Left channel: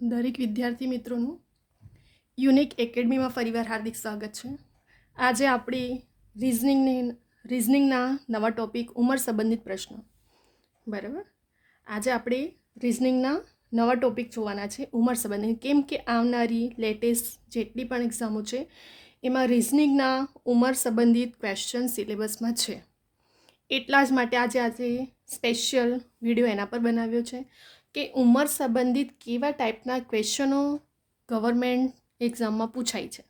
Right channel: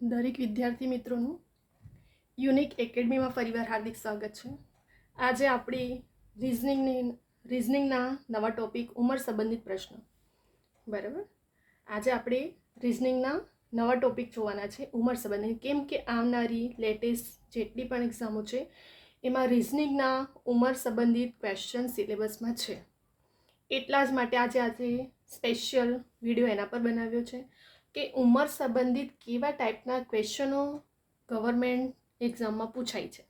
દરેક વિદ્યાર્થી મિત્રોનું યુનિક એકેડમીમાં ફરીવાર હાર્દિક સ્વાગત છે. આજે આપણી રિઝનિંગના નવા ટોપિક ઉંમર સંબંધિત પ્રશ્નો. બરાબર, આજે આપણે રિઝનિંગના નવા ટોપિક જોવાના છે ઉંમર સંબંધિત, કેમ કે આવનારી લેટેસ્ટ જેટલી પણ એક્ઝામો છે એમાં રિઝનિંગના ઉંમર સંબંધિત ક્વેશ્ચન સિલેબસમાં છે. એટલા જ માટે આજે સ્પેશિયલ વિડીયો એના પર બનાવ્યો છે કે ઉંમર સંબંધિત કેવા ટાઈપના ક્વેશ્ચનો ગવર્મેન્ટ એક્ઝામમાં પૂછાય છે.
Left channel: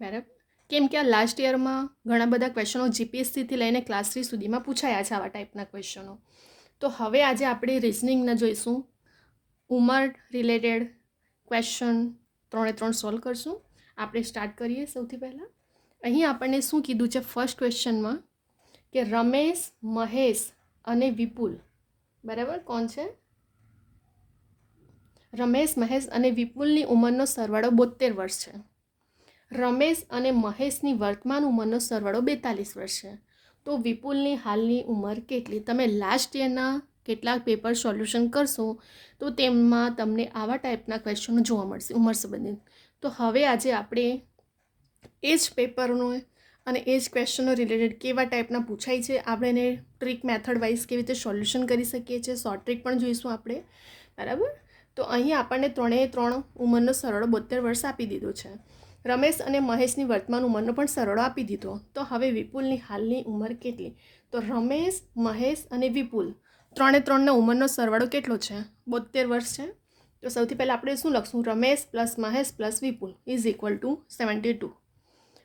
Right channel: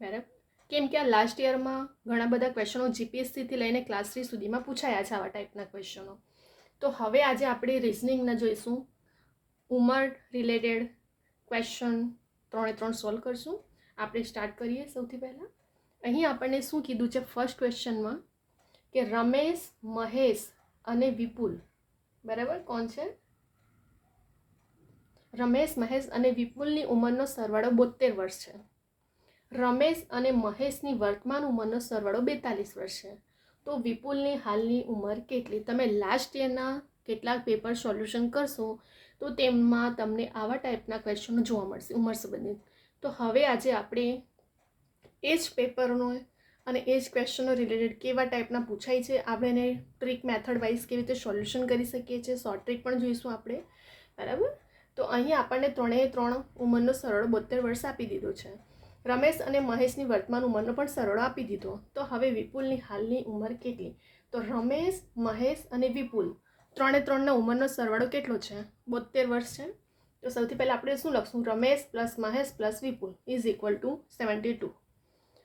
બરાબર, કેમ કે આ લાસ્ટ યરમાં ઘણા બધા ક્વેશ્ચનો જીપીએસસીથી લઈને ક્લાસ 3 સુધીમાં પૂછાયા છે આવા ટાઈપના ક્વેશ્ચનો. તો હવે આજે આપણે રિઝનિંગના જોઈશું, ઉંમર રિલેટેડ ક્વેશ્ચન 3 સોલ્વ કરશું. આપણે સ્ટાર્ટ કરીએ. સૌથી પહેલાં અહીં આપણને શું કીધું છે ફર્સ્ટ ક્વેશ્ચનમાં કે રમેશ, મહેશ અને વિપુલ, બરાબર, કોણ છે? રમેશ, મહેશ અને વિપુલની ઉંમરનો સરવાળો 72 વર્ષ છે. રમેશ અને મહેશની વર્તમાન ઉંમરનો સરવાળો 42 વર્ષ છે. તો વિપુલની હાલની ઉંમર કેટલી? તમે લાસ્ટ યરના કેટલાક પેપર સોલ્યુશન કરશો તો તેમાં તમને આવા ટાઈપના ક્વેશ્ચનો જોવા મળશે ઉંમર સંબંધિત. તો હવે આજે આપણે એ જ પેપરનો અને એ જ ક્વેશ્ચનો રિલેટેડ કેવા ટાઈપના પૂછાય છે, આપણે એને ટ્રીક મેથડ વાઇઝ કેવી રીતે સોલ્યુશન કરી શકીએ છીએ, શોર્ટ ટ્રીક પણ જોઈશું આપણે. બરાબર, તો અહીં આપણને 3 ઉંમરનો સરવાળો 72 વર્ષ આપી દીધો છે. રમેશ અને મહેશની વર્તમાન ઉંમરનો પણ સરવાળો આપી દીધો. તો હવે વિપુલની હાલની ઉંમર કેટલી? તો રમેશ, મહેશ અને વિપુલ 3 ઉંમરનો સરવાળો કેટલો છે? 72 વર્ષ છે. તો સૌથી પહેલાં આપણે શું લખશું? Ramesh plus Mahesh plus Vipul is equal to 72.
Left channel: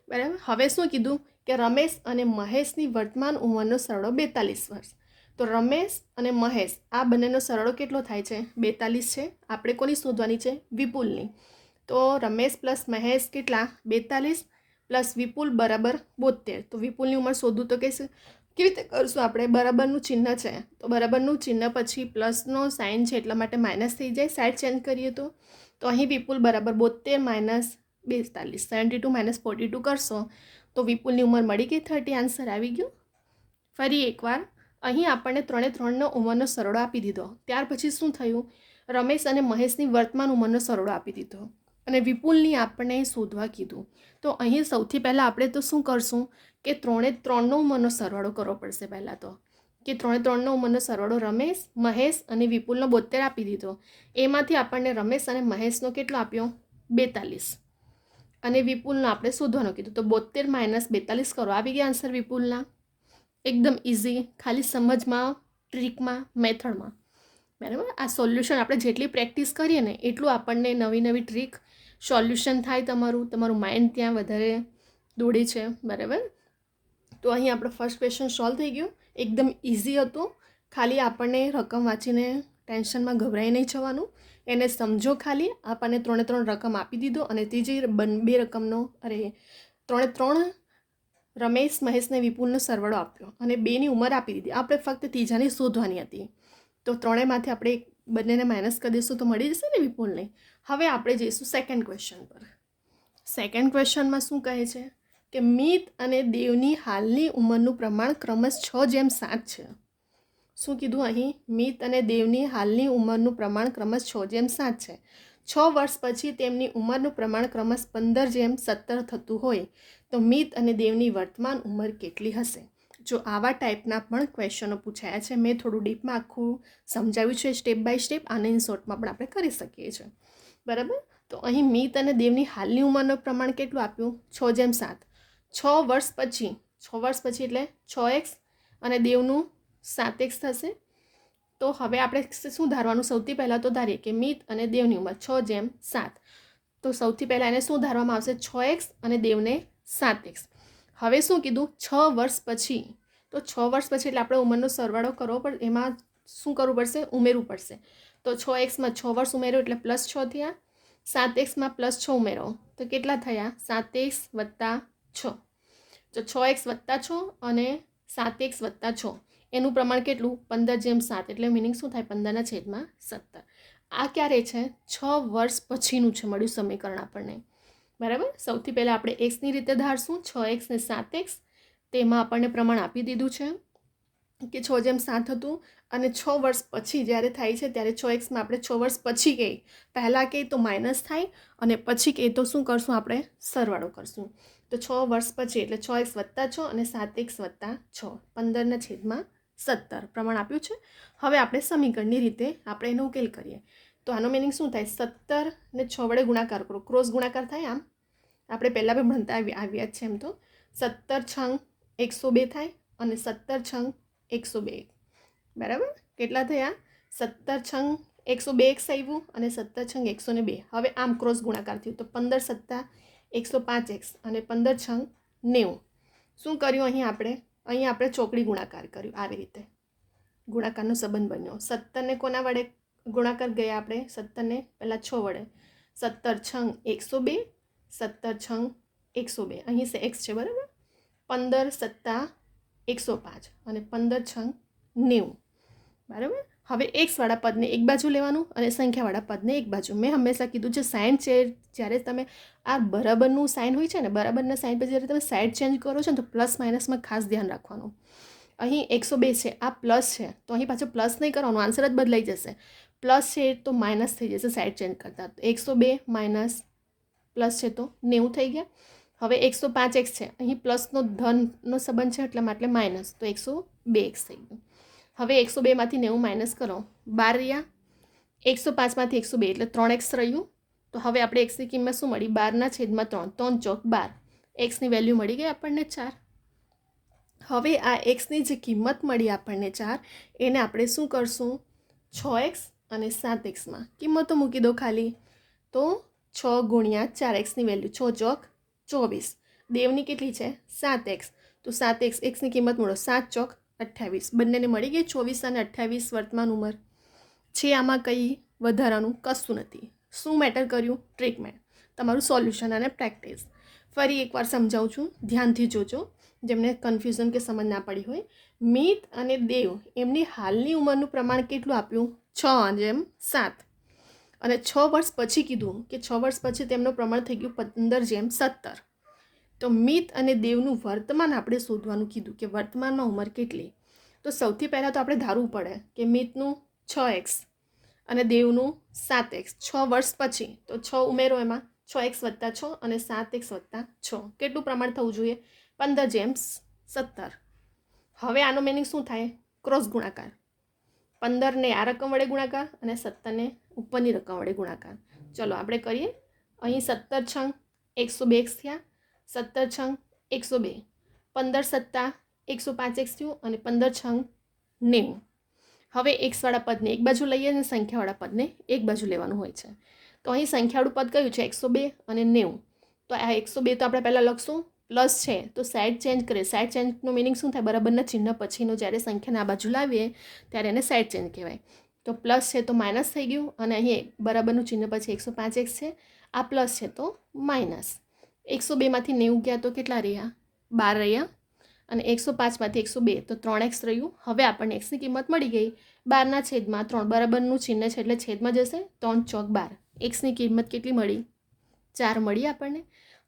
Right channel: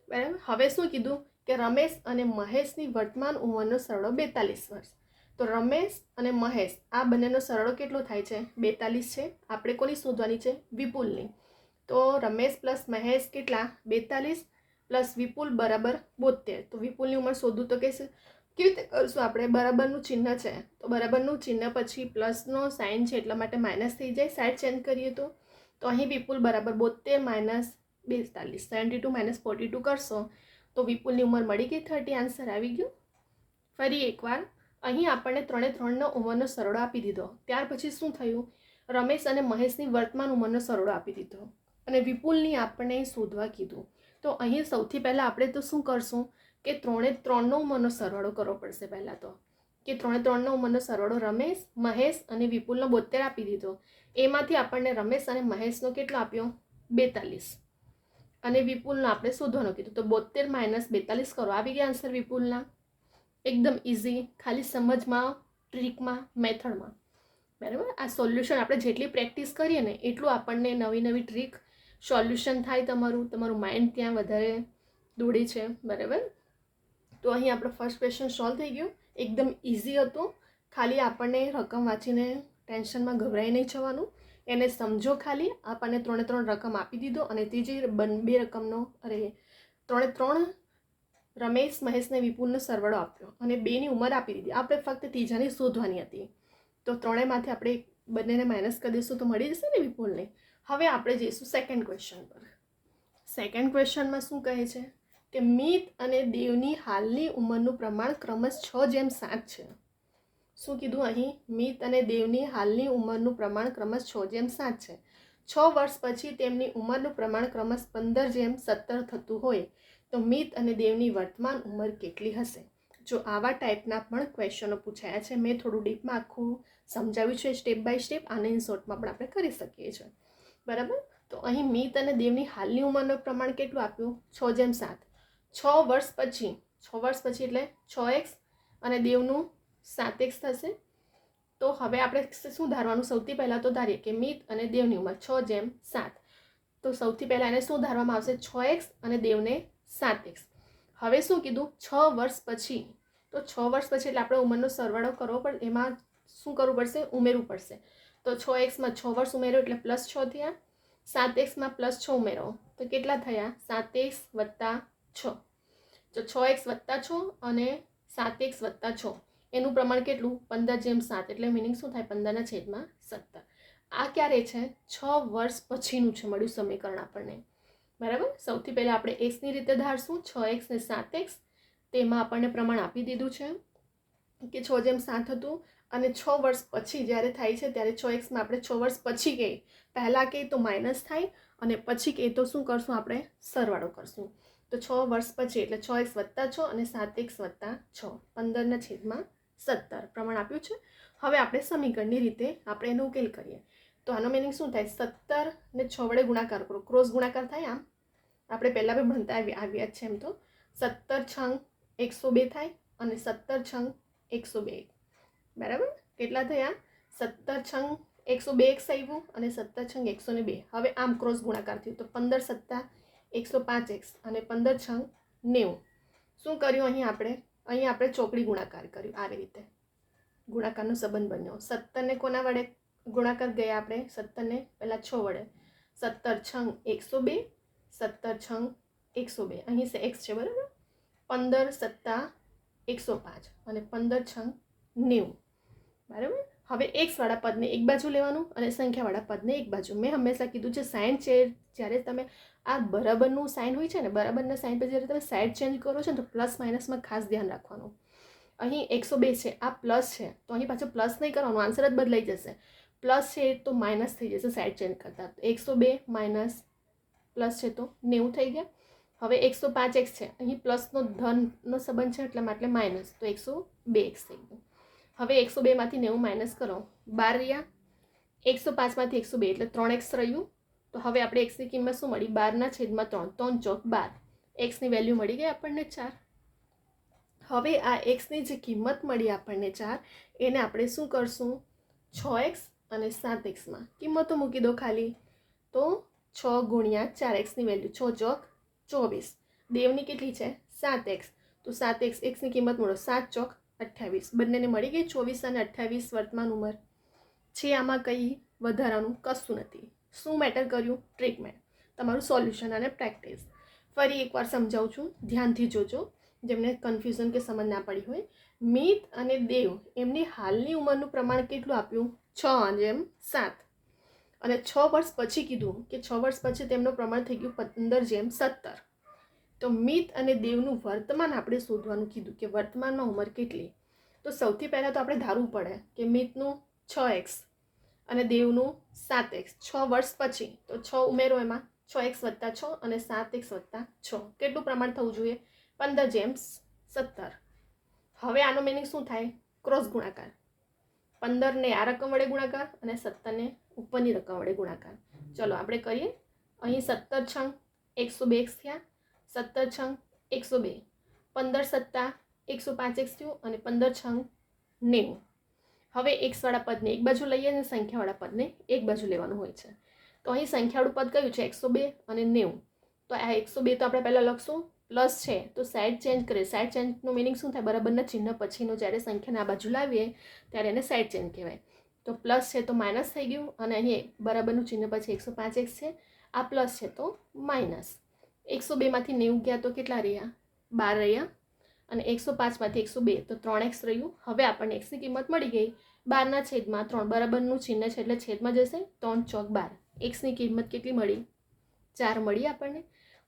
બરાબર, હવે શું કીધું કે રમેશ અને મહેશની વર્તમાન ઉંમરનો સરવાળો 42 વર્ષ. તો રમેશ અને મહેશ આ બંનેનો સરવાળો કેટલો થાય છે? 42 છે. આપણે કોની શોધવાની છે? વિપુલની. તો રમેશ પ્લસ મહેશ કેટલા? 42 પ્લસ વિપુલ બરાબર 72. તો વિપુલની ઉંમર શોધવું તો કેવી રીતે કરશું આપણે? બરાબરનું ચિહ્ન છે, તો બરાબરનું ચિહ્ન પછી પ્લસનો સાઇન છે એટલા માટે માઇનસ થઈ જાય. સાઈડ ચેન્જ કરીએ તો અહીં વિપુલ બરાબર 72 માઇનસ 42, 72 માઇનસ 42 કરશો તો વિપુલની ઉંમર મળી ગઈ 30. આન્સર આવી ગયો. ફરી એકવાર અહીં આપણને 3 ઉંમરનો સરવાળો આપી દીધો. ત્યાર પછી શું થયું? રમેશ અને મહેશની વર્તમાન ઉંમરનો સરવાળો આપી દીધો અને વિપુલની આપણે શોધવા કીધું. તો અહીં સૌથી પહેલાં આપણે તો શું કરશું કે 3 ઉંમરનો સરવાળો કરવો પડશે. પહેલાં તો કે 3 ઉંમરનો સરવાળો રમેશ, મહેશ અને વિપુલનો 72 આપી દીધો. એમાંથી આપણને રમેશ અને મહેશનો કેટલો આપ્યો? 42 અને વિપુલનો આપણે શોધવાનો કીધું. તો 72 માઇનસ 42 કરો, આવી ગયા આન્સર વિપુલના. એકદમ ઇઝી, ખાલી સમજમાં, ટ્રીકમાં, મેથડમાં. બરાબર, આ સોલ્યુશન આપણે જેટલી પ્રેક્ટિસ કરીએ ને એટલું આપણને નવી ટ્રીક સોલ્યુશન થાય. તમારું માઇન્ડ ત્યાં વધારે દોડે છે. બરાબર, તો અહીં આપણો ફર્સ્ટ ક્વેશ્ચન સોલ્વ થઈ ગયો. એકદમ ઇઝી હતું. ખાલી આપણને રકમ વાંચીને ટેન્શનમાં ગભરાઈ નહીં જવાનું, એને સમજો. ખાલી આપણને 3 રકમ આપી દીધો અને ત્રીજી 2 રકમનો રમેશ, મહેશને વિપુલનો સરવાળો આપ્યો અને 2ની ઉંમર આપી દીધી. આપણે ફક્ત ત્રીજાની શોધવાની હતી. તો 3માંથી આપણે બંનેને માઇનસ કરી દઈશું તો મળી જશે ને વિપુલને. હવે આપણે જઈશું સેકન્ડ ક્વેશ્ચન પર. સેકન્ડ ક્વેશ્ચનમાં શું કહે છે કે મિત અને દેવની હાલની ઉંમરનું પ્રમાણ ક્રમશ 6:7 છે. શું કીધું અહીં? મિત અને દેવની હાલની ઉંમરનું પ્રમાણ ક્રમશ 6:7 છે. 6 વર્ષ પછી તેમની ઉંમરનું પ્રમાણ ક્રમશ 15:17 થતું હોય તો મિત અને દેવની વર્તમાન ઉંમર કેટલી હશે? જો આવા ટાઈપના પણ ક્વેશ્ચનો પૂછાયા છે, મેં થોડું ડીપમાં આખું સમજાવ્યું છે સ્ટેપ બાય સ્ટેપ. આને શોર્ટમાં પણ આપણે કરી શકીએ છીએ. બરાબર, તો અહીં મિત અને દેવની હાલની ઉંમરનું પ્રમાણ કેટલું આપ્યું? 6:7. 6 વર્ષ પછી એટલે 6x અને દેવનું 7x થશે. તો હવે આપણે શું ધારવાનું? સૌથી પહેલાં તો ધારીએ કે મિત અને દેવની ઉંમર 6:7. તો સૌથી પહેલાં એને શું ધારવામાં આવશે? 6x અને દેવને 7x. હવે શું કીધું? 6 વર્ષ પછી. તો 6 વર્ષ પછી એટલે આપણે ઉંમરનો સરવાળો કરવો પડે. એમાં શું કરવું પડશે? ઉમેરવું પડશે. તો 6xમાં 6 વર્ષ ઉમેરો એટલે +6 થયા. 7xમાં +6 ઉમેરો તો કેટલા થયા? 7x + 6. તો 6x + 6 અને 7x + 6 એનું પ્રમાણ કેટલું? 15:7. એટલે મિનિંગ શું થાય? 15/17. આ ક્યારે છે? 6 વર્ષ પછીનું છે મળ્યું સમીકરણ આપણને. બરાબર, સૌથી પહેલાં આપણે એક્સની રીતે ધારશું. 6x ને 7x તેમાં આપણને પ્રમાણ આપી દીધું છે કે 6:7 હતું અને 6 વર્ષ પછી જ્યારે થાય છે ત્યારે 6x આપણે 6 વર્ષ પછી કહીએ, પહેલાં કહીએ તો માઇનસ થાય અને પછી કહીએ તો શું કરશું આપણે? સરવાળો કરશું. તો 6 વર્ષ પછી એટલે 6x + 6 અને 7x + 6, 15/17 પ્રમાણ આપ્યું છે. હવે આપણે સમીકરણની રીતે આપણે એનો ઉકેલ કરીએ. તો આનો મિનિંગ શું થાય? 17 ને 6 વડે ગુણાકાર કરો, ક્રોસ ગુણાકાર થાય. આમ આપણે પહેલાં પણ ભણતા આવ્યા છે. એમ તો 17 છંગ 102 થાય અને 17 છંગ 102, બરાબર. કેટલા થયા? 17 છંગ 102x આવ્યું અને 17 છંગ 102. હવે આમ ક્રોસ ગુણાકાર થયું તો 15 + 7 105x અને 15 છંગ 90. શું કર્યું અહીં આપણે ચોકડી ગુણાકાર કર્યું. આવી રીતે ગુણાકારનો સંબંધ બન્યો. 17 ને કોના વડે ગુણાકાર ગયા આપણે? 17 ને પહેલાં 6 વડે. 17 છંગ 102, 17 છંગ 102, અહીં છે x છે, બરાબર. 15 + 7 105 અને 15 છંગ 90, બરાબર. હવે એક્સવાળા પદને એક બાજુ લેવાનું અને સંખ્યાવાળા પદને એક બાજુ. મેં હંમેશા કીધું છે સાઇન છે, જ્યારે તમે આ બરાબરનું સાઇન હોય છે ને, બરાબરના સાઇન પર જ્યારે તમે સાઈડ ચેન્જ કરો છો ને તો પ્લસ માઇનસમાં ખાસ ધ્યાન રાખવાનું. અહીં 102 છે, આ પ્લસ છે તો અહીં પાછું પ્લસ નહીં કરવાનું, આન્સર જ બદલાઈ જશે. પ્લસ છે તો માઇનસ થઈ જશે સાઈડ ચેન્જ કરતાં. તો 102 માઇનસ પ્લસ છે તો 90 થઈ ગયા. હવે 105x છે, અહીં પ્લસનો ધનનો સંબંધ છે એટલે માઇનસ, તો 102x થઈ ગયું. હવે 102માંથી 90 માઇનસ કરો, 12 રહ્યા. 105માંથી 102 એટલે 3x રહ્યું. તો હવે આપણે એક્સની કિંમત શું મળી? 12/3, 3 ચોક 12. એક્સની વેલ્યુ મળી ગઈ આપણને 4. હવે આ એક્સની જે કિંમત મળી આપણને 4, એને આપણે શું કરશું? 6x અને 7xમાં કિંમતો મૂકી દો ખાલી. તો 6 × 4xની વેલ્યુ 6 ચોક 24. દેવની કેટલી છે? 7x. તો 7x, એક્સની કિંમત મળો 7 ચોક 28. બંનેને મળી ગઈ 24 અને 28 વર્તમાન ઉંમર છે. આમાં કંઈ વધારાનું કશું નથી. શું મેટર કર્યું? ટ્રીટમેન્ટ. તમારું સોલ્યુશન અને પ્રેક્ટિસ. ફરી એકવાર સમજાવું છું, ધ્યાનથી જોજો જેમને કન્ફ્યુઝન કે સમજ ના પડી હોય. મિત અને દેવ એમની હાલની ઉંમરનું પ્રમાણ કેટલું આપ્યું? 6:7. અને 6 વર્ષ પછી કીધું કે 6 વર્ષ પછી તેમનું પ્રમાણ થઈ ગયું 15:17. તો મિત અને દેવનું વર્તમાન આપણે શોધવાનું કીધું કે વર્તમાનમાં ઉંમર કેટલી. તો સૌથી પહેલાં તો આપણે ધારવું પડે કે મિતનું 6x અને દેવનું 7x. 6 વર્ષ પછી તો 6 ઉમેરો, એમાં 6x + 6 અને 7x + 6. કેટલું પ્રમાણ થવું જોઈએ? 15:17. હવે આનો મિનિંગ શું થાય? ક્રોસ ગુણાકાર. 15 ને આ રકમ વડે ગુણાકાર અને 17 ને ઉપરની રકમ વડે ગુણાકાર. ચલો આપણે કરીએ. અહીં 17 છંગ 102x થયા, 17 છંગ 102, 15 + 7 105x થયું અને 15 છંગ 90. હવે એક્સવાળા પદને એક બાજુ લઈએ અને સંખ્યાવાળા પદને એક બાજુ લેવાનું હોય છે. તો અહીં સંખ્યાવાળું પદ કયું છે? 102 અને 90. તો આ 102 તો આપણે પહેલાં લખશું, પ્લસ છે તો સાઈડ ચેન્જ કરીએ. સાઈડ ચેન્જનું મિનિંગ શું થાય? બરાબરના ચિહ્ન પછીનું જ્યારે સંખ્યાને આ બાજુ લાવીએ ત્યારે એને સાઈડ ચેન્જ કહેવાય. તો પ્લસ છે તો માઇનસ થઈ ગયું અને અહીં બરાબરનું ચિહ્ન પછી 105x છે, આ પ્લસ છે તો માઇનસ. 102માંથી 90 ગયા તો કેટલા રહ્યા? 12 રહ્યા. અને 105માંથી 102 તો 3x રહ્યું. હવે આપણને એક્સની કિંમત મળી ગઈ 12/3, બરાબરનું ચિહ્ન છે એટલે છેદમાં જશે. 3 ચોક 12. એક્સની કિંમત કેટલી મળી? 4 મળી આપણને.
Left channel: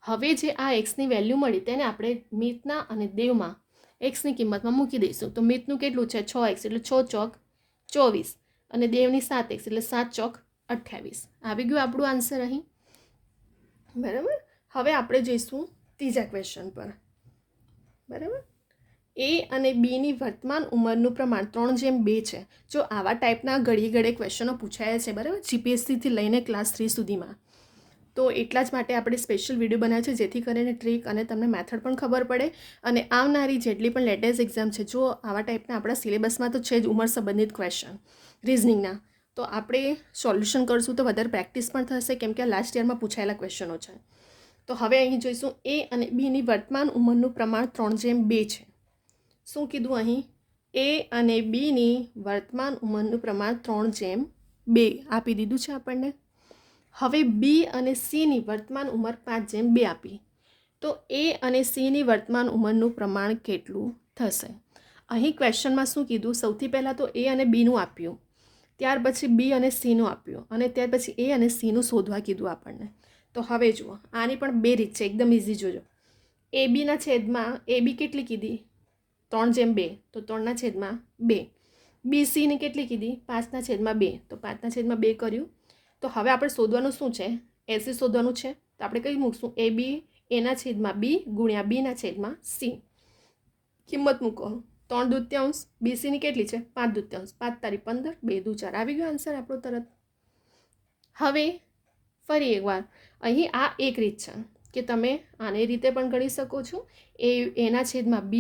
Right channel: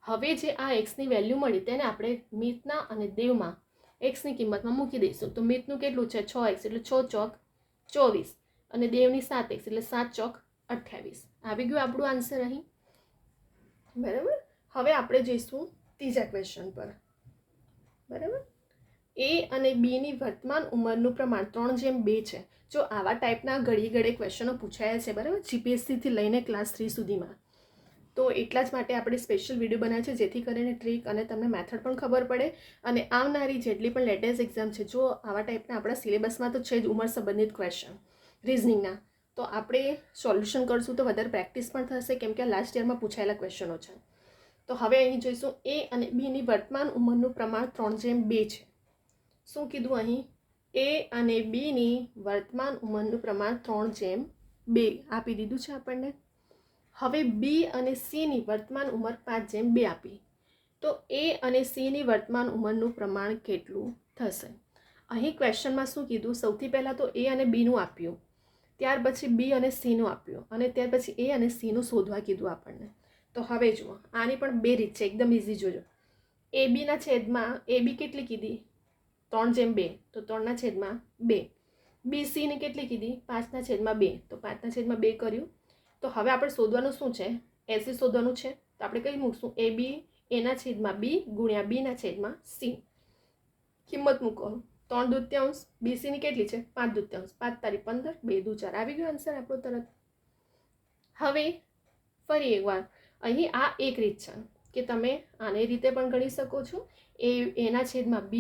હવે જે આ એક્સની વેલ્યુ મળી તેને આપણે મિતના અને દેવમાં એક્સની કિંમતમાં મૂકી દઈશું. તો મિતનું કેટલું છે? 6x એટલે 6 ચોક 24 અને દેવની 7x એટલે 7 ચોક 28. આવી ગયું આપણું આન્સર અહીં, બરાબર. હવે આપણે જઈશું ત્રીજા ક્વેશ્ચન પર, બરાબર. એ અને બીની વર્તમાન ઉંમરનું પ્રમાણ 3:2 છે. જો આવા ટાઈપના ઘડીએ ક્વેશ્ચનો પૂછાયા છે, બરાબર, જીપીએસસીથી લઈને ક્લાસ 3 સુધીમાં, તો એટલા જ માટે આપણે સ્પેશિયલ વિડીયો બનાવ્યો છે જેથી કરીને ટ્રીક અને તમને મેથડ પણ ખબર પડે. અને આવનારી જેટલી પણ લેટેસ્ટ એક્ઝામ છે, જો આવા ટાઈપના આપણા સિલેબસમાં તો છે જ ઉંમર સંબંધિત ક્વેશ્ચન રિઝનિંગના, તો આપણે સોલ્યુશન કરશું તો વધારે પ્રેક્ટિસ પણ થશે કેમ કે લાસ્ટ યરમાં પૂછાયેલા ક્વેશ્ચનો છે. તો હવે અહીં જોઈશું એ અને બીની વર્તમાન ઉંમરનું પ્રમાણ 3:2 છે. શું કીધું અહીં? એ અને બીની વર્તમાન ઉંમરનું પ્રમાણ 3:2 આપી દીધું છે આપણને. હવે બી અને સીની વર્તમાન ઉંમર 5:2 આપી. તો એ અને સીની વર્તમાન ઉંમરનું પ્રમાણ કેટલું થશે? અહીં ક્વેશ્ચનમાં શું કીધું? સૌથી પહેલાં તો એ અને બીનું આપ્યું, ત્યાર પછી બી અને સીનું આપ્યું અને ત્યાર પછી એ અને સીનું શોધવા કીધું આપણને. તો હવે જુઓ, આની પણ બે રીત છે, એકદમ ઇઝી. જોજો, એ બીના છેદમાં એ બી કેટલી કીધી? 3:2, તો 3/2. BCની કેટલી કીધી 5/2, તો 5/2 કર્યું. તો હવે આપણે શોધવાનું શું છે? AC શોધવાનું છે. તો આપણે કઈ મૂકશું? AB A/B ગુણ્યા B/C. કિંમત મૂકો. 3/2. BCની કેટલી છે? 5/2. 5×15, 2×4. આવી ગયો આન્સર આપણો તરત. હવે ફરી એકવાર અહીં આ એક રીત છે કે તમે આને રીતે પણ ગણી શકો છો. A/B,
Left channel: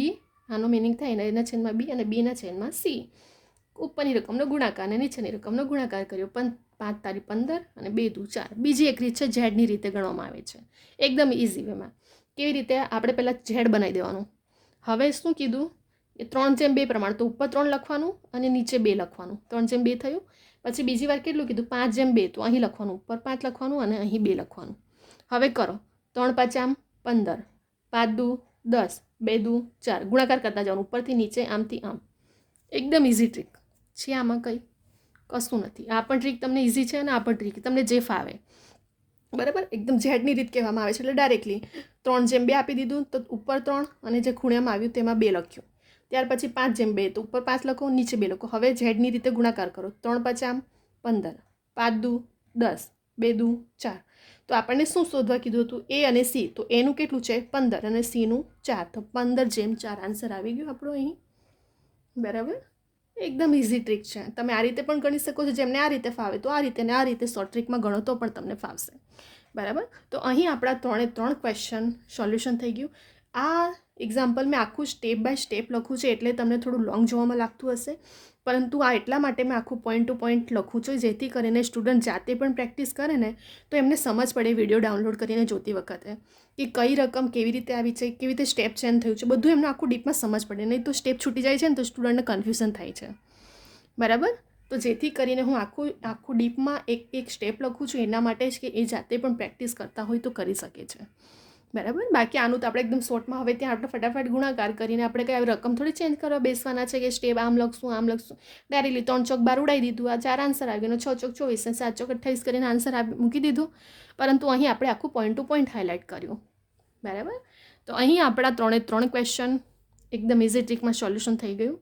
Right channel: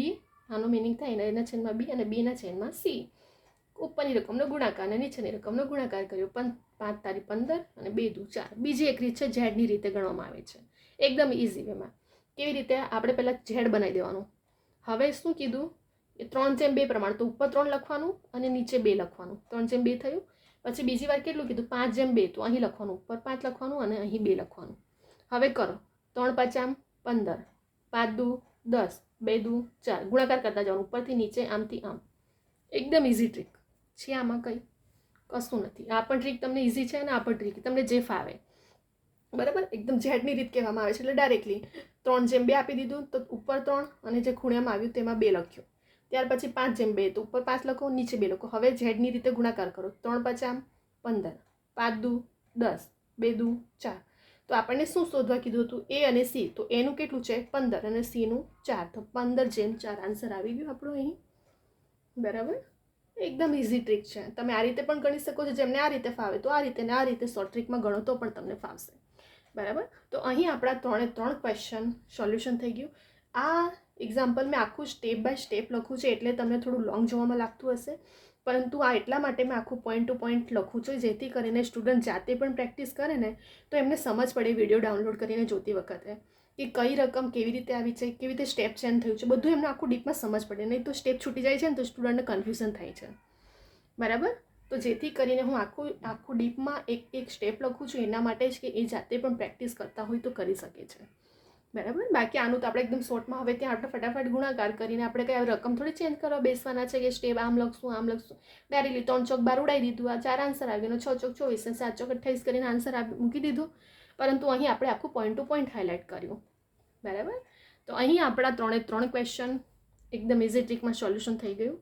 આનો મિનિંગ થાય A/B અને B/C. ઉપરની રકમનો ગુણાકાર અને નીચેની રકમનો ગુણાકાર કર્યો. 5×15 અને 2×4. બીજી એક રીત છે ઝેડની રીતે ગણવામાં આવે છે, એકદમ ઇઝી વેમાં. કેવી રીતે? આપણે પહેલાં ઝેડ બનાવી દેવાનું. હવે શું કીધું? એ 3/2 પ્રમાણ, તો ઉપર 3 લખવાનું અને નીચે 2 લખવાનું. 3/2 થયું. પછી બીજી વાર કેટલું કીધું? 5/2, તો અહીં લખવાનું, ઉપર 5 લખવાનું અને અહીં 2 લખવાનું. હવે કરો 3×5 = 15, 5×2 = 10, 2×4. ગુણાકાર કરતા જવાનું ઉપરથી નીચે, આમથી આમ. એકદમ ઇઝી ટ્રીક છે. આમાં કંઈ કશું નથી. આ પણ ટ્રીક તમને ઇઝી છે અને આ પણ ટ્રીક તમને જે ફાવે, બરાબર. એકદમ ઝેડની રીત કહેવામાં આવે છે. એટલે ડાયરેક્ટલી 3/2 આપી દીધું, તો ઉપર 3 અને જે ખૂણામાં આવ્યું તેમાં 2 લખ્યું. ત્યાર પછી 5/2, તો ઉપર 5 લખો, નીચે 2 લખો. હવે ઝેડની રીતે ગુણાકાર કરો. 3×5 = 15, 5×2 = 10, 2×4. તો આપણને શું શોધવા કીધું હતું? A અને C. તો એનું કેટલું છે? 15 અને Cનું 4. તો 15/4 આન્સર આવી ગયો આપણો અહીં, બરાબર. એકદમ ઇઝી ટ્રીક છે. તમે આ રીતે પણ ગણી શકો છો. જેમને આ રીતે ફાવે તો આ રીતે, ને આ રીતે શોર્ટ ટ્રીકમાં ગણો તો પણ તમને ફાવશે, બરાબર. તો અહીં આપણા 3 ક્વેશ્ચન સોલ્યુશન થઈ ગયું. આ એક્ઝામ્પલ મેં આખું સ્ટેપ બાય સ્ટેપ લખું છે એટલે તમને થોડું લોંગ જોવામાં લાગતું હશે, પરંતુ આ એટલા માટે મેં આખું પોઈન્ટ ટુ પોઈન્ટ લખું છું જેથી કરીને સ્ટુડન્ટ જાતે પણ પ્રેક્ટિસ કરે ને તો એમને સમજ પડે વિડીયો ડાઉનલોડ કરીને જોતી વખતે કે કઈ રકમ કેવી રીતે આવી છે, કેવી રીતે સ્ટેપ ચેન્જ થયું છે, બધું એમને આખું ડીપમાં સમજ પડે. નહીં તો સ્ટેપ છૂટી જાય છે ને તો સ્ટુડન્ટને કન્ફ્યુઝન થાય છે, બરાબર. તો જેથી કરીને હું આખું ડીપમાં એક સ્ટેપ લખું છું એના માટે જ કે એ જાતે પણ પ્રેક્ટિસ કરતા હોય તો કરી શકે છે, બરાબર. બાકી આનું તો આપણે એકદમ શોર્ટમાં હવે ત્યાં આપણે ફટાફટ ગુણાકાર કરીને આપણે કંઈ રકમ થોડી ચેન્જ કરવા બેસવાના છે કે સ્ટેપ આમ લખશું ડાયરેક્ટલી 3 ચોક 12 ઉડાવી દીધું, આ 4 આન્સર આવ્યો, 6 ચોક 24 અને 7 ચોક 28 કરીને આન્સર મૂકી દીધું. પરંતુ અહીં આપણે આખું પોઈન્ટ ટુ પોઈન્ટ હાઇલાઇટ કર્યું, બરાબર. તો અહીં આપણા 3 ક્વેશ્ચન એકદમ ઇઝી ટ્રીકમાં સોલ્યુશન થઈ ગયું.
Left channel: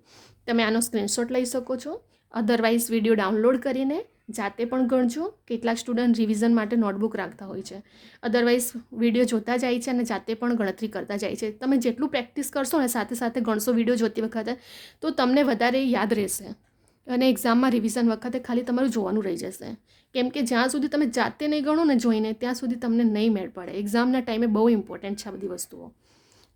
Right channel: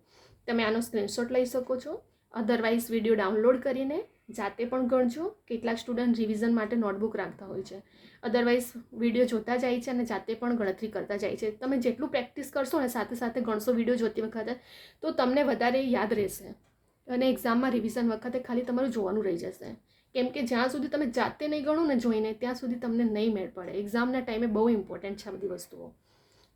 તમે આનો સ્ક્રીનશોટ લઈ શકો છો. અધરવાઇઝ વિડીયો ડાઉનલોડ કરીને જાતે પણ ગણજો. કેટલાક સ્ટુડન્ટ રિવિઝન માટે નોટબુક રાખતા હોય છે, અધરવાઇઝ વિડીયો જોતા જાય છે અને જાતે પણ ગણતરી કરતા જાય છે. તમે જેટલું પ્રેક્ટિસ કરશો ને સાથે સાથે ગણશો વિડીયો જોતી વખતે તો તમને વધારે યાદ રહેશે અને એક્ઝામમાં રિવિઝન વખતે ખાલી તમારું જોવાનું રહી જશે. કેમ કે જ્યાં સુધી તમે જાતે નહીં ગણો ને જોઈને ત્યાં સુધી તમને નહીં મેળ પડે. એક્ઝામના ટાઈમે બહુ ઇમ્પોર્ટન્ટ છે આ બધી વસ્તુઓ.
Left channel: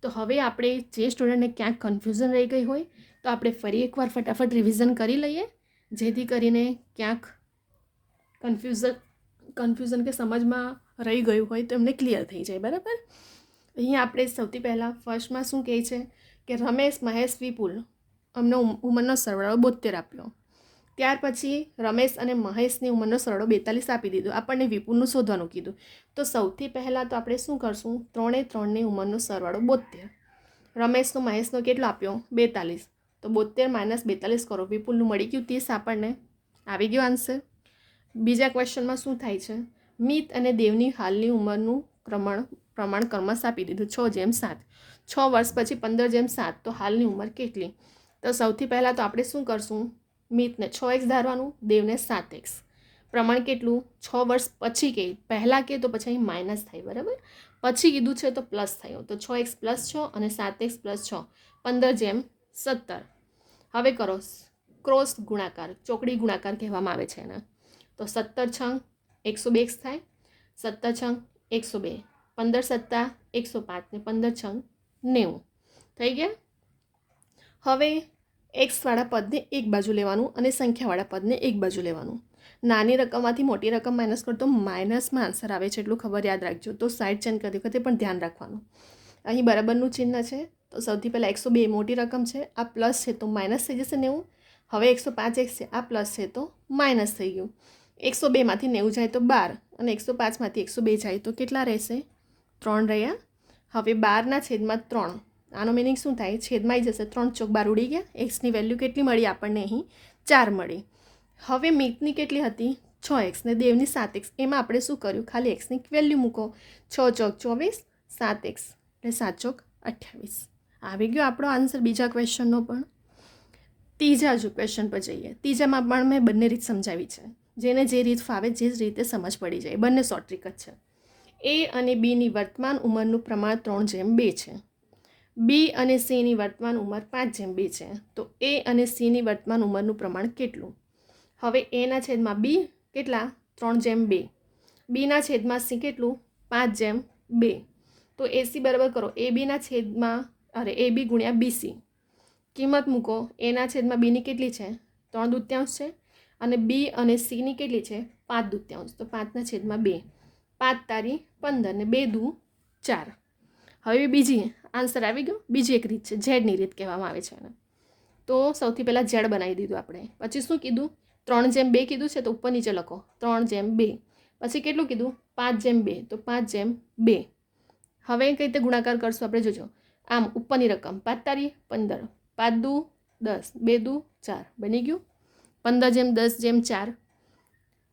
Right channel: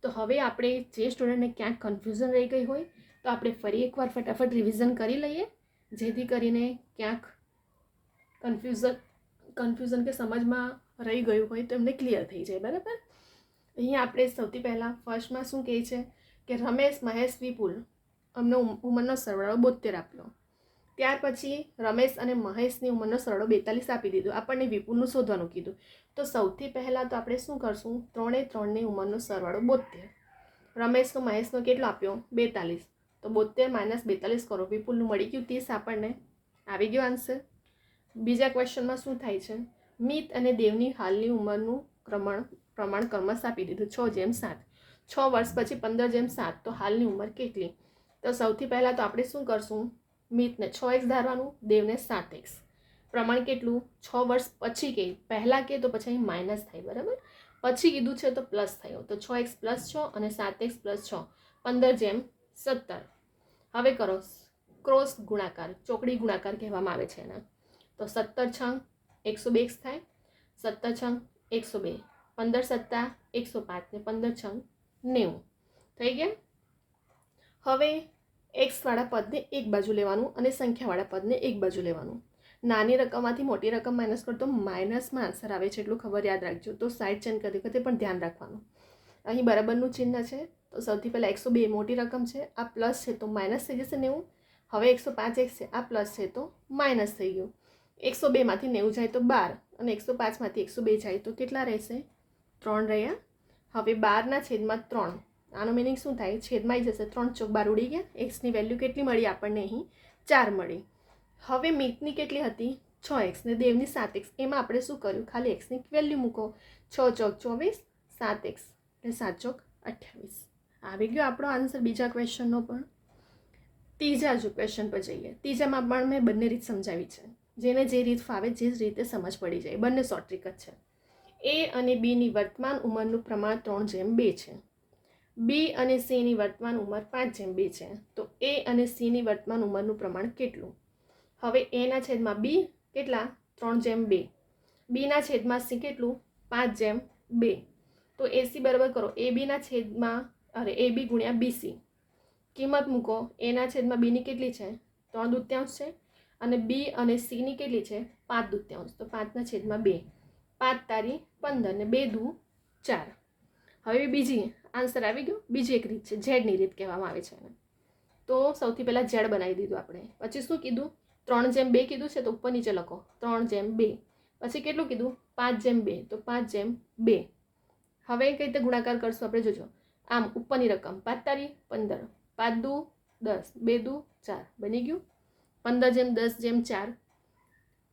તો હવે આપણે જે સ્ટુડન્ટને ક્યાંક કન્ફ્યુઝન રહી ગઈ હોય તો આપણે ફરી એકવાર ફટાફટ રિવિઝન કરી લઈએ જેથી કરીને ક્યાંક કન્ફ્યુઝન કે સમજમાં રહી ગયું હોય તો એમને ક્લિયર થઈ જાય, બરાબર. અહીંયા આપણે સૌથી પહેલાં ફર્સ્ટમાં શું કહે છે કે રમેશ, મહેશ, વિપુલ અમનો ઉંમરનો સરવાળો 72 આપ્યો. ત્યાર પછી રમેશ અને મહેશની ઉંમરનો સરવાળો 42 આપી દીધો. આપણને વિપુલનું શોધવાનું કીધું. તો સૌથી પહેલાં તો આપણે શું કરશું? 3ની ઉંમરનો સરવાળો 72. રમેશનો મહેશનો કેટલો આપ્યો? 42. તો 72 - 42 કરો. વિપુલનું મળી ગયું 30. આપણને આવી ગયો આન્સર. બીજા ક્વેશ્ચનમાં શું થાય છે? મિત અને દેવની હાલની ઉંમરનું પ્રમાણ ક્રમશ આપી દીધું 6:7. 6 વર્ષ પછી 15:7. તો હાલની ઉંમર કેટલી? તો સૌથી પહેલાં તો આપણે શું કરશું? મિતને 6x ધારવાનું, દેવને 7x. પ્રમાણ કેટલું? 6 વર્ષ પછી કે પહેલાં કે તો પછી અહીં માઇનસ થાય, બરાબર. પછી કીધું છે તો પ્લસ થયો. તો 6x + 6 અને 7x + 6 15:17. હવે કરો ક્રોસ ગુણાકાર, ચોકડી ગુણાકાર કહેવામાં આવે છે એને. તો 17×6 102x થાય. 17×6 102, 15×7 105 ને 15×6 90 થઈ ગયા. હવે એક્સવાળા પદને એક બાજુ લેવાનું અને સંખ્યાવાળા પદને એક બાજુ લેવાનું. નાની રકમમાંથી મોટી રકમ માઇનસ કરતો માઇનસમાં આન્સર આવે છે એટલું ખબર યાદ રાખજો. તો સાઈડ ચેન્જ કરતી વખતે પણ ધ્યાન રાખવાનું. અહીં બરાબરનું ચિહ્ન છે તો સૌથી પહેલાં 102 મોટી રકમ છે, આ પ્લસ છે તો માઇનસ થઈ જશે 90. હવે 105x છે, આ પ્લસ છે તો માઇનસ થઈ ગયું. 102માંથી 90 જાય તો 12 અને 105માંથી 102 જાય તો કેટલા રહેશે? 3 રહ્યા. હવે 12/3. આનો મિનિંગ શું થાય? છેદમાં આવી જશે. 3 ચોક 12 ઉડી ગયા. એક્સની વેલ્યુ કેટલી મળી આપણને? અહીં 4 મળી. હવે મિતની કેટલી હતી? 6x ને દેવની 7x. એમાં આપણે શું કર્યું? ખાલી એક્સની વેલ્યુ મૂકો. 6 ચોક 24, 7x એટલે 7 ચોક 28. આવી ગયો આપણો આન્સર બીજા ક્વેશ્ચનનો પણ. ત્રીજા જો ક્વેશ્ચન પર જઈએ. ત્રીજામાં પણ મેં બંને રીત સમજાવી છે. જેને જે રીત ફાવે જે જ રીતે સમજ પડી જાય, બંને શોર્ટ ટ્રીક જ છે. એ અને બીની વર્તમાન ઉંમરનું પ્રમાણ 3:2 છે. બી અને સીની વર્તમાન ઉંમર 5:2 છે. તો એ અને સીની વર્તમાન ઉંમરનું પ્રમાણ કેટલું? હવે એના છેદમાં બી કેટલા? 3:2. બીના છેદમાં સી કેટલું? 5:2. તો એસી બરાબર કરો એ બીના છેદમાં એ બી ગુણ્યા બીસી. કિંમત મૂકો. એના છેદમાં બીની કેટલી છે? 3/2 છે. અને બી અને સીની કેટલી છે? 5/2. તો 5/2. 5 તારી 15 ને 2 દુ 4. હવે બીજી આન્સર આવી ગયો. બીજી એક રીત છે, ઝેડની રીત કહેવામાં આવે છે એને. તો સૌથી પહેલાં ઝેડ બનાવી દીધું આપણે. પછી શું કીધું? 3:2 કીધું છે તો ઉપર નીચે લખો 3:2. પછી કેટલું કીધું? 5:2. તો 5:2. હવે કઈ રીતે ગુણાકાર કરશું આપણે જોજો. આમ ઉપરની રકમ 5 તારી 15, 5 દુ 10, 2 દુ 4 બની ગયું. 15:10:4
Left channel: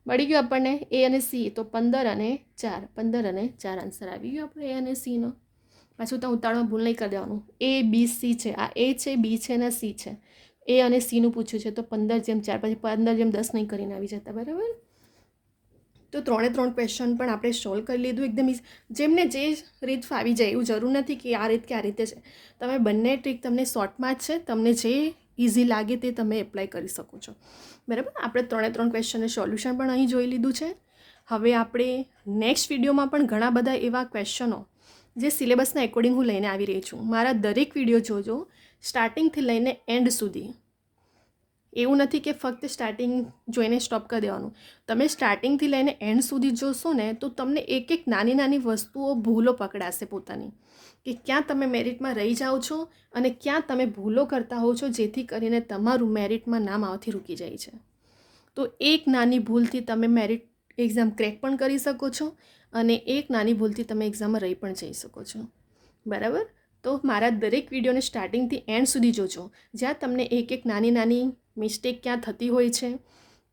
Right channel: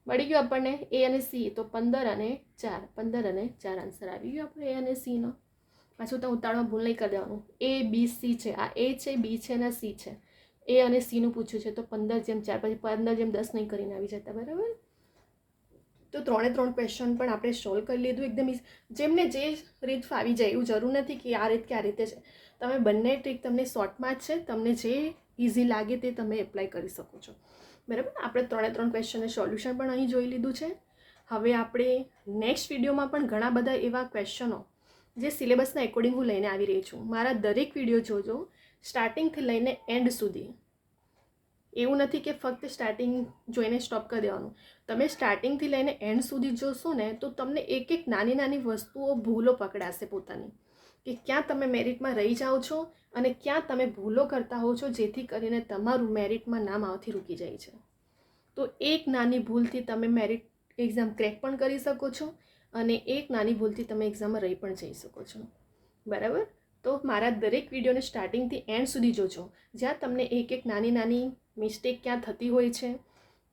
મળી ગયું આપણને એ અને સી. તો 15 અને 4, 15 અને 4 આન્સર આવી ગયો આપણે એ અને સીનો. પાછું તો ઉતાળમાં ભૂલ નહીં કરી દેવાનું. એ બી સી છે, આ એ છે, બી છે અને સી છે. એ અને સીનું પૂછ્યું છે તો 15:4 પછી 15:10 નહીં કરીને આવી જતા. બરાબર. તો 3 ક્વેશ્ચન પણ આપણે સોલ્વ કરી લીધું એકદમ. જેમને જે રીત ફાવી જાય એવું જરૂર નથી કે આ રીત કે આ રીતે છે. તમે બંને ટ્રીક તમને શોર્ટમાં જ છે, તમને જે ઇઝી લાગે તે તમે એપ્લાય કરી શકો છો. બરાબર. આપણે 3 ક્વેશ્ચનનું સોલ્યુશન પણ અહીં જોઈ લીધું છે. હવે આપણે નેક્સ્ટ વિડીયોમાં પણ ઘણા બધા એવા ક્વેશ્ચનો જે સિલેબસના એકોર્ડિંગ હું લઈને આવી રહી છું. મારા દરેક વિડીયો જોજો સ્ટાર્ટિંગથી લઈને એન્ડ સુધી. એવું નથી કે ફક્ત સ્ટાર્ટિંગ જોઈને સ્ટોપ કરી દેવાનું. તમે સ્ટાર્ટિંગથી લઈને એન્ડ સુધી જોશો ને તો તમને એક એક નાની નાની વસ્તુઓ ભૂલો પકડાશે પોતાની, કે ક્યાં તમે મેરિટમાં રહી જાઓ છો અને ક્યાં તમે ભૂલો કરતા હો છો જેથી કરીને તમારું મેરિટમાં નામ આવવાથી રૂકી જાય છે. તો એક નાની ભૂલથી તમે મેરિટ એક્ઝામ ક્રેક પણ કરી શકો છો અને એક નાની ભૂલથી તમે એક્ઝામમાં રહી પણ જઈ શકો છો. બરાબર. તો મારા દરેક વિડીયોને સ્ટાર્ટિંગથી એન્ડ સુધી જોજો, જ્યાં તમને એક એક નાની નાની મિસ્ટેક ક્યાં થતી હોય છે,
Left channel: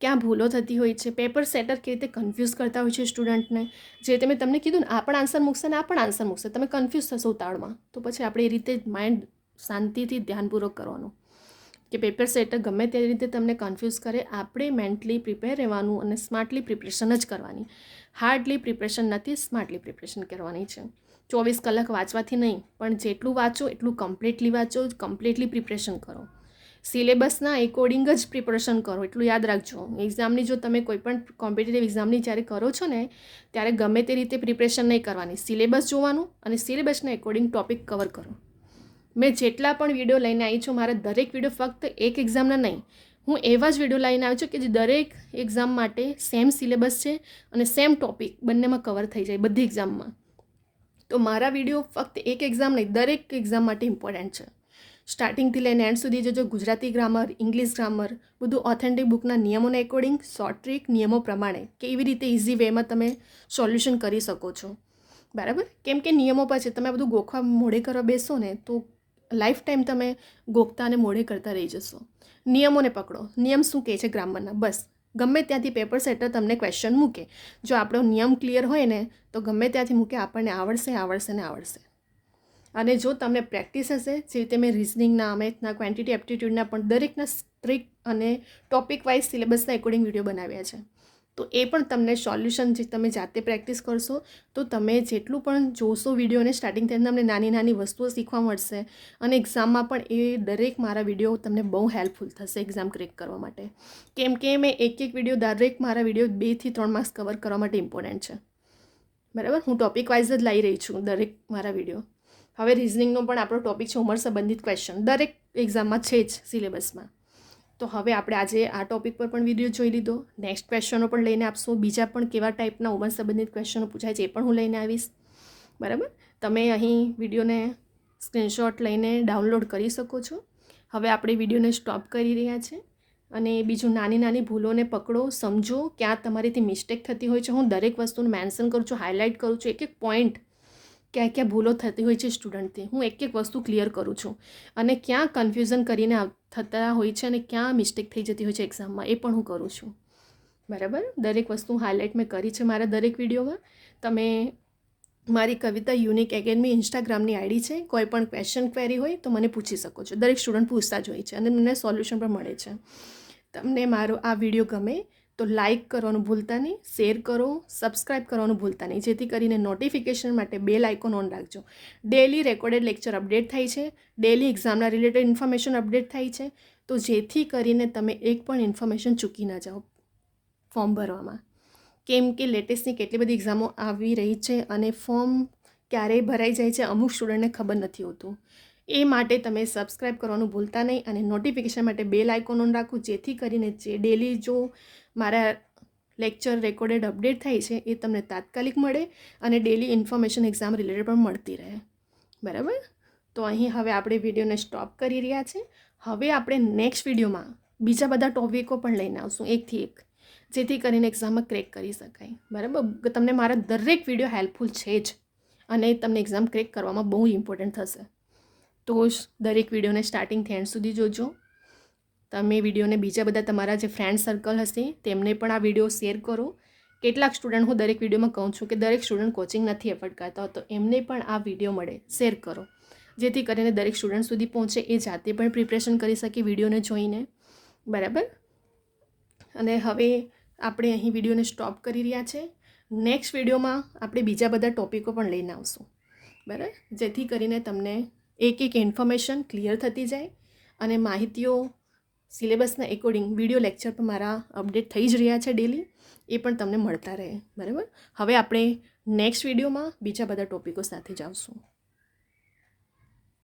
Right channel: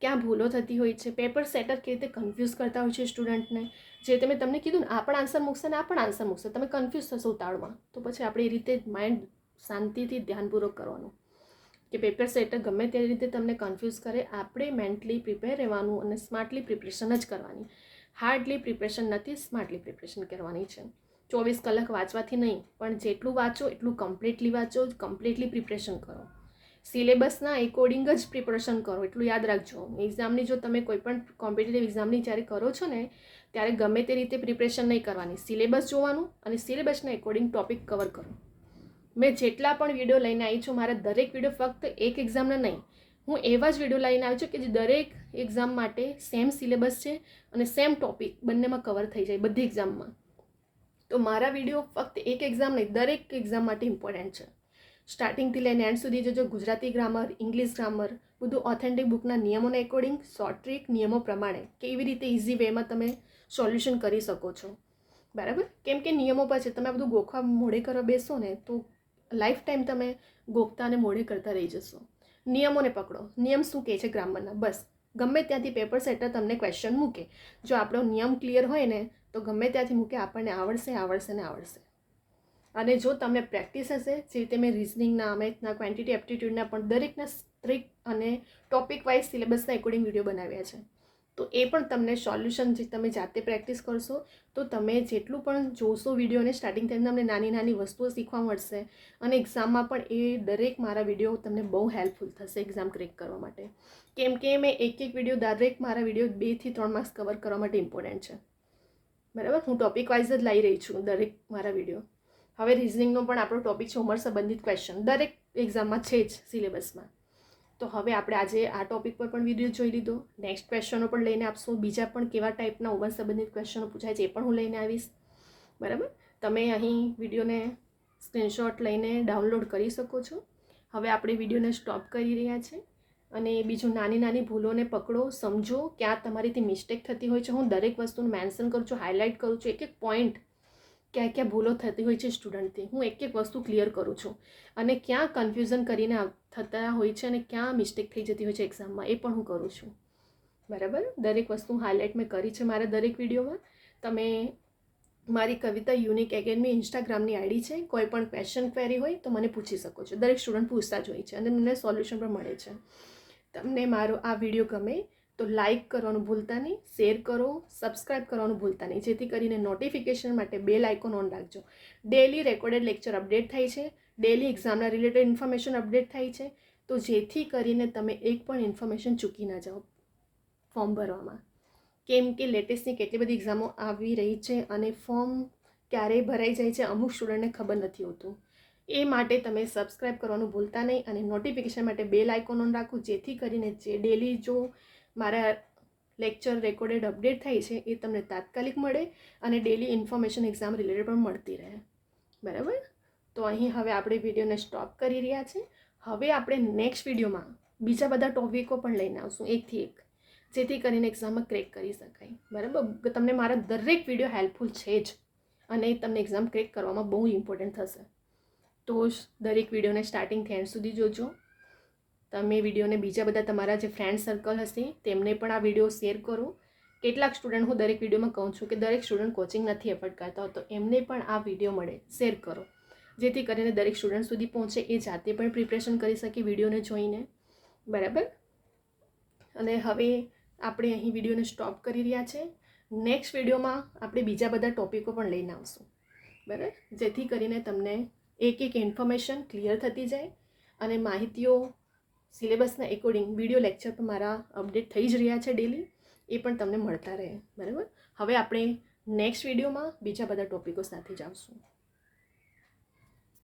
ક્યાં ભૂલો થતી હોય છે, પેપર સેટર કેવી રીતે કન્ફ્યુઝ કરતા હોય છે સ્ટુડન્ટને. જે તમે તમને કીધું ને આ પણ આન્સર મૂકશે ને આ પણ આન્સર મૂકશે, તમે કન્ફ્યુઝ થશો ઉતાવળમાં. તો પછી આપણે એ રીતે માઇન્ડ શાંતિથી ધ્યાનપૂર્વક કરવાનું કે પેપર સેટર ગમે તે રીતે તમને કન્ફ્યુઝ કરે, આપણે મેન્ટલી પ્રિપેર રહેવાનું અને સ્માર્ટલી પ્રિપરેશન જ કરવાની. હાર્ડલી પ્રિપરેશન નથી, સ્માર્ટલી પ્રિપરેશન કરવાની છે. 24 કલાક વાંચવાથી નહીં, પણ જેટલું વાંચો એટલું કમ્પ્લીટલી વાંચો, કમ્પ્લીટલી પ્રિપરેશન કરો. સિલેબસના એકોર્ડિંગ જ પ્રિપરેશન કરો, એટલું યાદ રાખજો. એક્ઝામની જો તમે કોઈ પણ કોમ્પિટિટિવ એક્ઝામની જ્યારે કરો છો ને ત્યારે ગમે તે રીતે પ્રિપરેશન નહીં કરવાની. સિલેબસ જોવાનું અને સિલેબસના એકોર્ડિંગ ટોપિક કવર કરો. મેં જેટલા પણ વિડીયો લઈને આવી છું, મારા દરેક વિડીયો ફક્ત એક એક્ઝામના નહીં, હું એવા જ વિડીયો લઈને આવી છું કે જે દરેક એક્ઝામ માટે સેમ સિલેબસ છે અને સેમ ટોપિક બંનેમાં કવર થઈ જાય બધી એક્ઝામમાં. તો મારા વિડીયો ફક્ત એક એક્ઝામ નહીં, દરેક એક્ઝામ માટે ઇમ્પોર્ટન્ટ છે. સ્ટાર્ટિંગથી લઈને એન્ડ સુધી જોજો. ગુજરાતી ગ્રામર, ઇંગ્લિશ ગ્રામર, બધું ઓથેન્ટિક બુકના નિયમોના એકોર્ડિંગ, શોર્ટ ટ્રીક નિયમો પ્રમાણે કેવી રીતે ઇઝી વેમાં તમે સોલ્યુશન કરી શકો છો. બરાબર. કેમ કે નિયમો પછી તમે બધું ગોખવા મોડે કરવા બેસો ને તો લાઈફ ટાઈમ તમે ગોખતા અને મોડે કરતા રહી જશો. નિયમોને પકડો. નિયમ શું કહે છે ગ્રામરના, બસ ગમે ત્યાંથી પેપર સેટર તમને ક્વેશ્ચન મૂકે, જો આપણો નિયમ ક્લિયર હોય ને તો ગમે ત્યાંથી મૂકે આપણને આવડશે આવડશે ને આવડશે. અને જો તમને પ્રેક્ટિસ હશે, જે રીતે મેં રિઝનિંગના, મેથના, ક્વોન્ટિટી એપ્ટિટ્યૂડના પણ દરેકના સ્ટ્રીક અને ટોપિક વાઇઝ સિલેબસના એકોર્ડિંગ વિડીયો બનાવ્યા છે, તો એ પણ તમને સોલ્યુશન જે તમે જાતે પ્રેક્ટિસ કરશો તો તમે જેટલું પણ જોશો વિડીયોને સ્ટાર્ટિંગથી તમને નાની નાની વસ્તુઓ શીખવા મળશે અને એક્ઝામમાં પણ એ દરેક મારા વિડીયો તમને બહુ હેલ્પફુલ થશે એક્ઝામ ક્રેક કરવા માટે. કેમ કે મેં એક વિડીયો દરેક મારા વિડીયો 2 થી 3 માર્ક્સ કવર કરવા માટે ઇમ્પોર્ટન્ટ છે. બરાબર. હું ટોપિક વાઇઝ જ લઈ રહી છું દરેક મારા વિડીયો. હવે રિઝનિંગનો પણ આપણો ટોપિક છે ઉંમર સંબંધિત ક્વેશ્ચન, દરેક એક્ઝામમાં છે જ સિલેબસમાં. તો હવે આપણે આજે આ ટોપિક પર પણ વિડીયો જોઈ લીધો. નેક્સ્ટ ક્વેશ્ચનો પણ લઈને આપશું. બીજા પણ કેવા ટાઈપના ઉંમર સંબંધિત ક્વેશ્ચનો પૂછાય છે એ પણ હું લઈને આવીશ. બરાબર. તમે અહીં વિડીયોને સ્ક્રીનશોટ લઈને ડાઉનલોડ કરી શકો છો. હવે આપણે વિડીયોને સ્ટોપ કરી રહ્યા છે અને બીજું નાની નાની ભૂલોને પકડો, સમજો ક્યાં તમારીથી મિસ્ટેક થતી હોય છે. હું દરેક વસ્તુને મેન્શન કરું છું, હાઇલાઇટ કરું છું, એક એક પોઈન્ટ ક્યાં ક્યાં ભૂલો થતી હોય છે સ્ટુડન્ટથી હું એક એક વસ્તુ ક્લિયર કરું છું અને ક્યાં કન્ફ્યુઝન કરીને થતા હોય છે અને ક્યાં મિસ્ટેક થઈ જતી હોય છે એક્ઝામમાં એ પણ હું કરું છું. બરાબર. દરેક વસ્તુ હાઇલાઇટ મેં કરી છે મારા દરેક વિડીયોમાં. તમે મારી કવિતા યુનિક એકેડમી ઇન્સ્ટાગ્રામની આઈડી છે. કોઈ પણ ક્વેશ્ચન ક્વેરી હોય તો મને પૂછી શકો છો. દરેક સ્ટુડન્ટ પૂછતા જ હોય છે અને મને સોલ્યુશન પણ મળે છે. તમને મારો આ વિડીયો ગમે તો લાઇક કરવાનું ભૂલતા નહીં, શેર કરો, સબસ્ક્રાઈબ કરવાનું ભૂલતા નહીં, જેથી કરીને નોટિફિકેશન માટે બેલ આઇકોન ઓન રાખજો. ડેલી રેકોર્ડેડ લેક્ચર અપડેટ થાય છે, ડેલી એક્ઝામના રિલેટેડ ઇન્ફોર્મેશન અપડેટ થાય છે, તો જેથી કરીને તમે એક પણ ઇન્ફોર્મેશન ચૂકી ના જાઓ ફોર્મ ભરવામાં. કેમ કે લેટેસ્ટની કેટલી બધી એક્ઝામો આવી રહી છે અને ફોર્મ ક્યારેય ભરાઈ જાય છે, અમુક સ્ટુડન્ટને ખબર નથી હોતું. એ માટે તમે સબસ્ક્રાઈબ કરવાનું ભૂલતા નહીં અને નોટિફિકેશન માટે બેલ આઇકોન ઓન રાખવું, જેથી કરીને જે ડેલી જો મારા લેક્ચર રેકોર્ડેડ અપડેટ થાય છે એ તમને તાત્કાલિક મળે અને ડેલી ઇન્ફોર્મેશન એક્ઝામ રિલેટેડ પણ મળતી રહે. બરાબર? તો અહીં હવે આપણે વિડીયોને સ્ટોપ કરી રહ્યા છે. હવે આપણે નેક્સ્ટ વિડીયોમાં બીજા બધા ટોપિકો પણ લઈને આવશું એકથી એક, જેથી કરીને એક્ઝામમાં ક્રેક કરી શકાય. બરાબર? તમને મારા દરેક વિડીયો હેલ્પફુલ છે જ અને તમને એક્ઝામ ક્રેક કરવામાં બહુ ઇમ્પોર્ટન્ટ થશે. તો દરેક વિડીયોને સ્ટાર્ટિંગથી એન્ડ સુધી જોજો. તમે વિડીયોને બીજા બધા તમારા જે ફ્રેન્ડ સર્કલ હશે તેમને પણ આ વિડીયો શેર કરો. કેટલાક સ્ટુડન્ટ હું દરેક વિડીયોમાં કહું છું કે દરેક સ્ટુડન્ટ કોચિંગ નથી એફર્ટ કરતા, તો એમને પણ આ વિડીયો મળે, શેર કરો, જેથી કરીને દરેક સ્ટુડન્ટ સુધી પહોંચે, એ જાતે પણ પ્રિપરેશન કરી શકે વિડીયોને જોઈને. બરાબર? અને હવે આપણે અહીં વિડીયોને સ્ટોપ કરી રહ્યા છે. નેક્સ્ટ વિડીયોમાં આપણે બીજા બધા ટોપિકો પણ લઈને આવશું. બરાબર? જેથી કરીને તમને એક એક ઇન્ફોર્મેશન ક્લિયર થતી જાય અને માહિતીઓ સિલેબસના એકોર્ડિંગ વિડીયો લેક્ચર પણ મારા અપડેટ થઈ જ રહ્યા છે ડેલી, એ પણ તમને મળતા રહે. બરાબર? હવે આપણે નેક્સ્ટ વિડીયોમાં બીજા બધા ટોપિકો સાથે જ આવશું.